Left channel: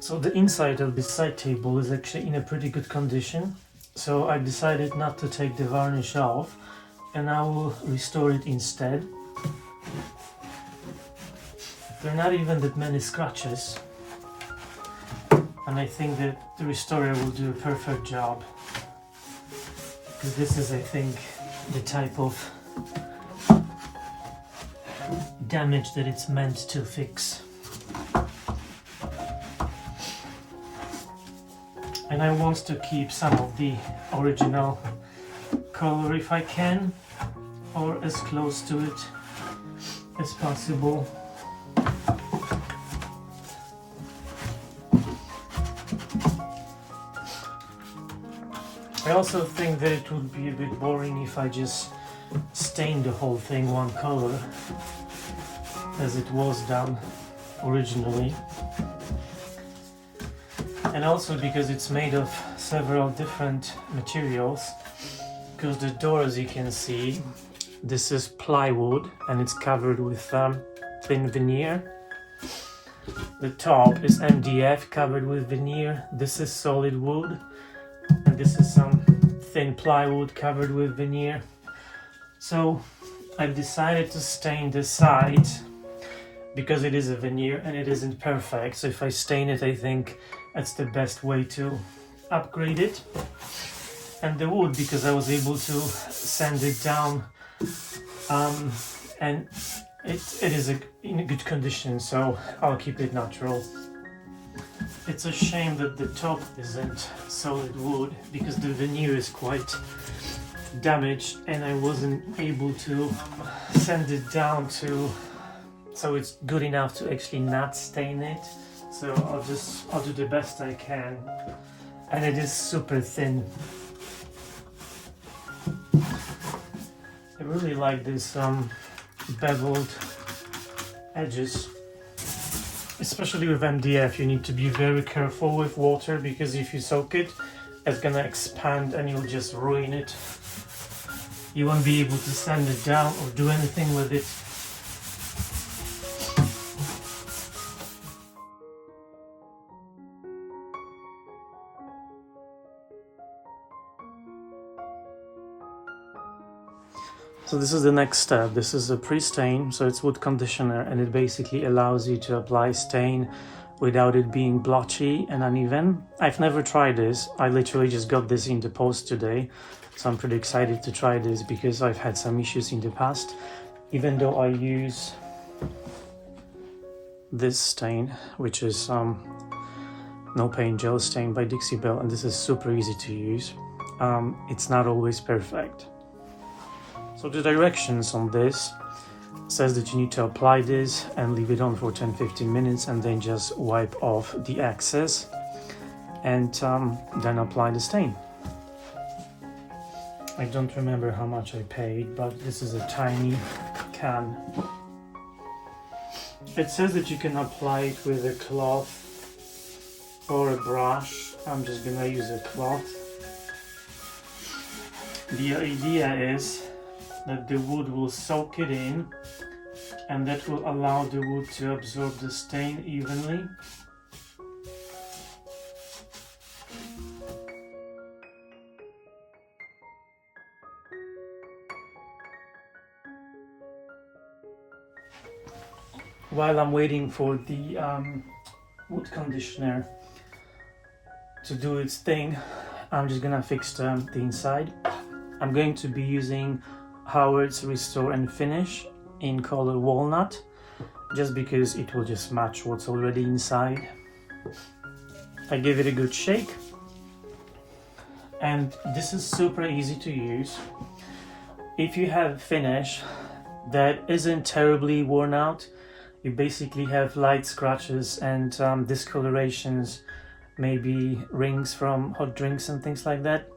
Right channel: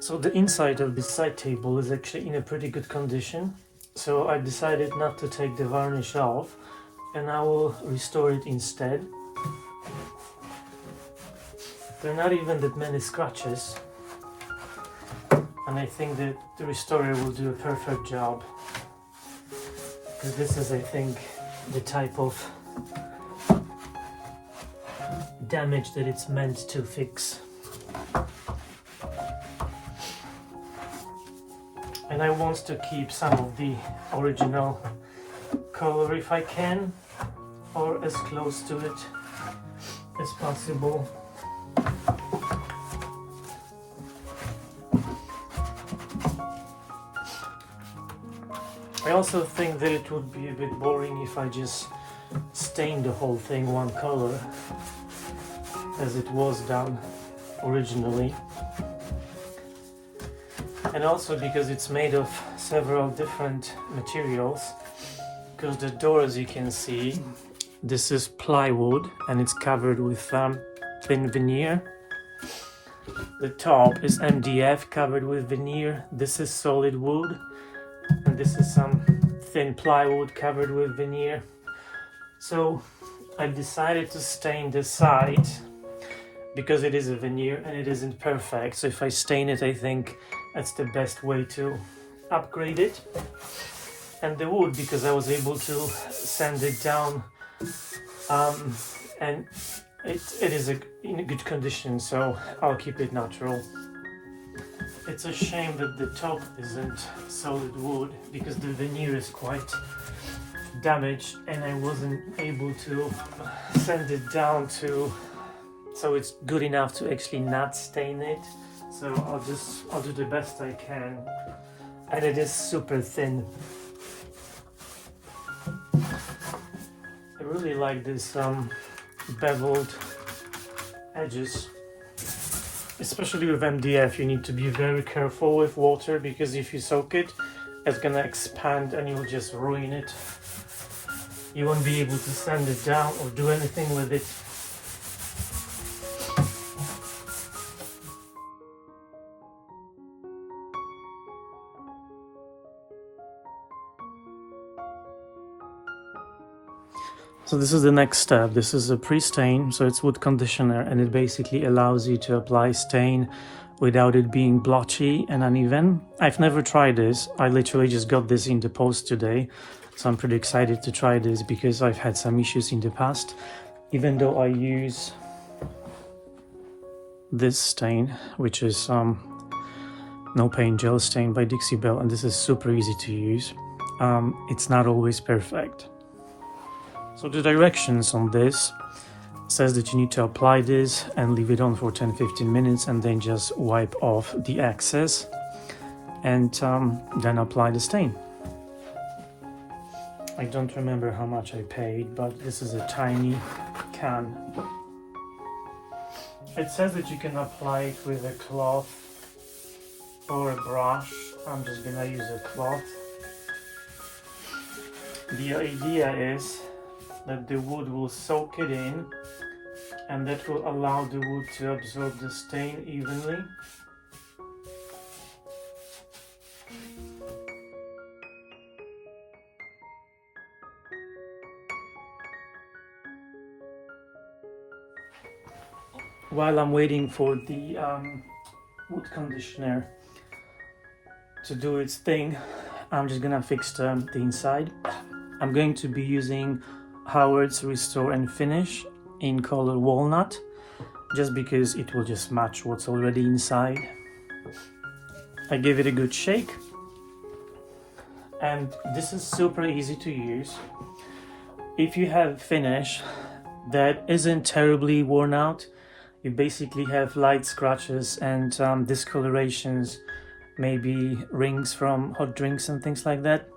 So the inside of this side table is actually in a pretty good condition. So I decided not to take the varnish off and I will restore it instead. There are not even that many scratches. And I think that the restorer will do a perfect job. Because this is, I think, the type of damage that it's meant to fix. And I want to keep some of the original color if I can, or as close to it as possible. I also think that it would be a bit boring if I just stain the whole thing one color as it was done originally. And also because it's made of several different materials, because the door, as you can see, this is plywood and it's covered with thin veneer. The top is MDF covered with veneer. This is solid wood, and this is some thin plywood covered with veneer. So I've decided to stain this side because it is a veneer and it isn't perfect. So if I stain it, I think that's the best way to upgrade it. And the wood, because I was able to sand it down, and it is in a good condition, so I'll keep it natural. It's a shame that the top isn't solid wood because the veneer is quite damaged and I wasn't able to sand it down so it's good enough to actually not stain it. So I'll do the best I can, and it is super thin. I really like this beveled edges, especially with MDF. You need to be very careful with water because if you soak it, it's gonna expand and you'll just ruin it. You won't be able to sand it down or do anything with it. So this is the next step. This is a pre-stain, so it's wood conditioner, and it basically allows you to apply stain without it being blotchy and uneven. I've never tried this. I literally just got this in the post today, so I'm pretty excited to try this because I've had some issues in the past. Even though I use this stain, which is no paint gel stain by Dixie Belle, and this is super easy to use. It's not always perfect. So the directions on this says that you need to apply this and leave it on for 10-15 minutes and then just wipe off the excess and then apply the stain. I don't remember how much I paid, but this is a tiny can. It says that you can apply it with a cloth or a brush. I'm just gonna use a cloth. The idea is that the wood will soak it in, and that will allow the wood to absorb the stain evenly. While I'm waiting for the wood conditioner to do its thing, I'm just gonna fix the inside. I'm going to be using Howard's Restore and Finish in color Walnut, just because it will just match what's already inside. I give it a good shake, and this is super easy to use. If you have finish that isn't terribly worn out, you basically have light scratches and discolorations, maybe rings from hot drinks and things like that,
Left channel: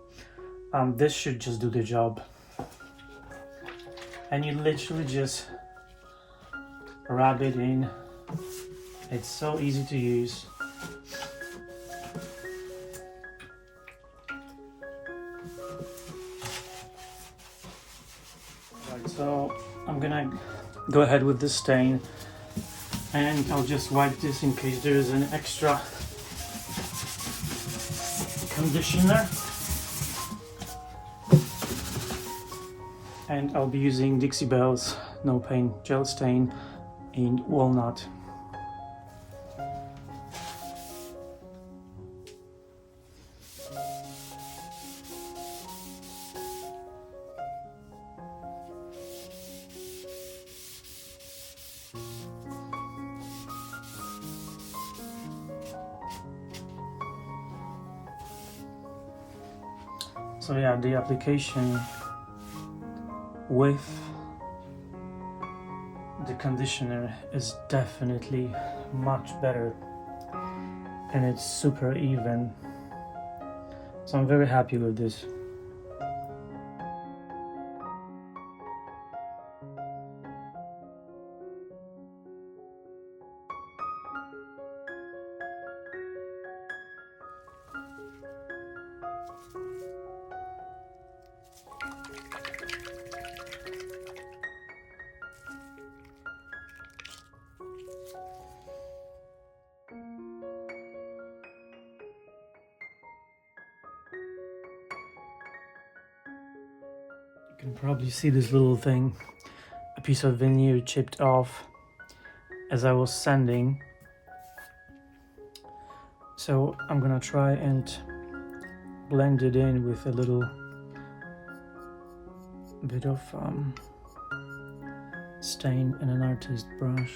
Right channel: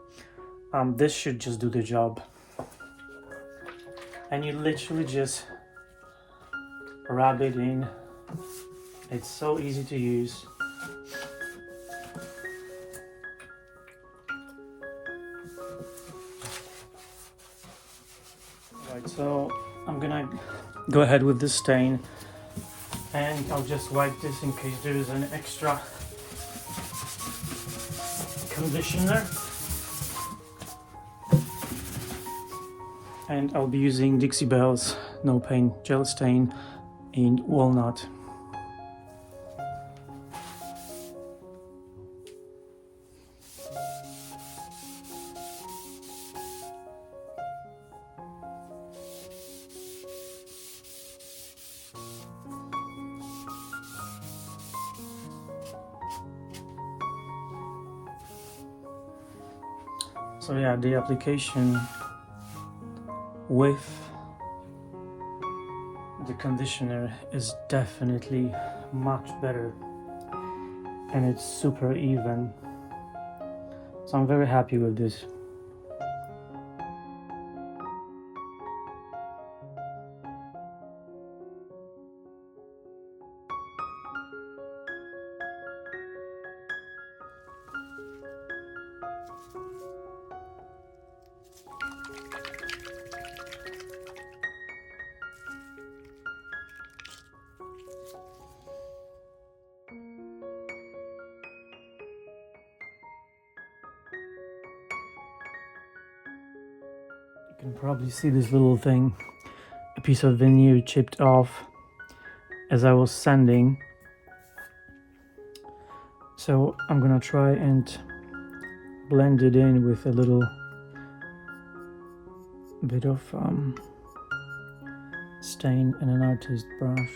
this should just do the job. And you literally just rub it in. It's so easy to use. Right, so I'm gonna go ahead with the stain, and I'll just wipe this in case there is an extra conditioner. And I'll be using Dixie Belle's No Paint Gel Stain in Walnut. So yeah, the application with the conditioner is definitely much better, and it's super even, so I'm very happy with this. You can probably see this little thing, a piece of veneer chipped off as I was sanding. So I'm gonna try and blend it in with a little bit of stain and an artist brush.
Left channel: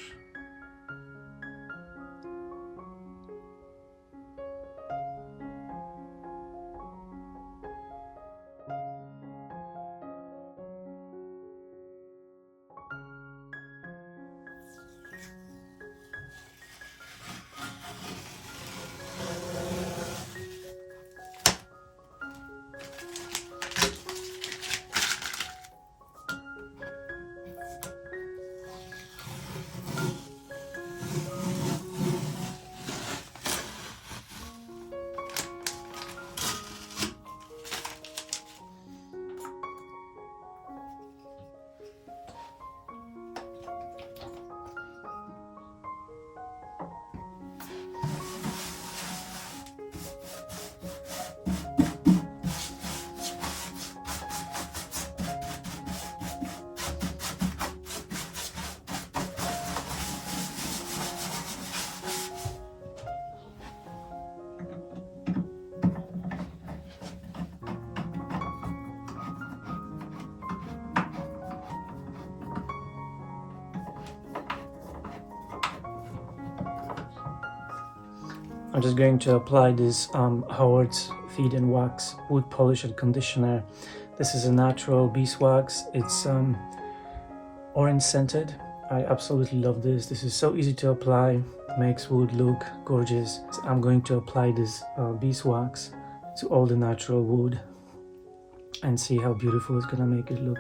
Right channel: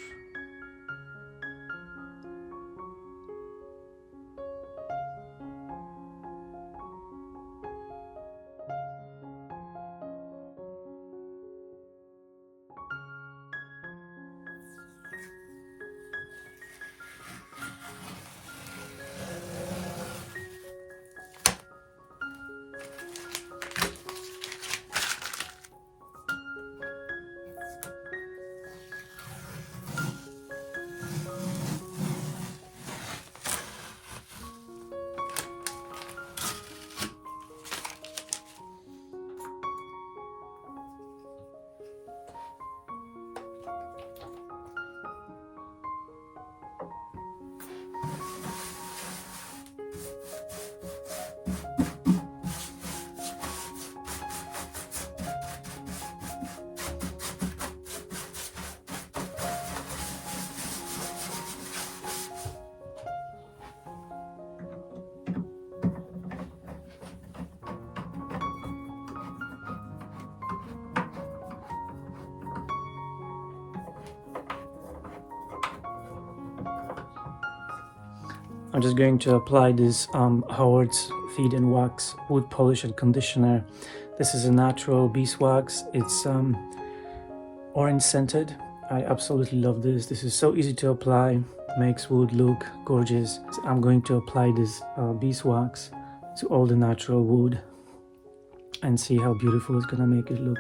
I'm just going to apply this Howard's Feed and Wax Wood Polish and Conditioner. This is a natural beeswax. It's orange scented. I absolutely love this. This is so easy to apply, makes wood look gorgeous. So I'm going to apply this beeswax to all the natural wood and see how beautiful it's gonna make it look.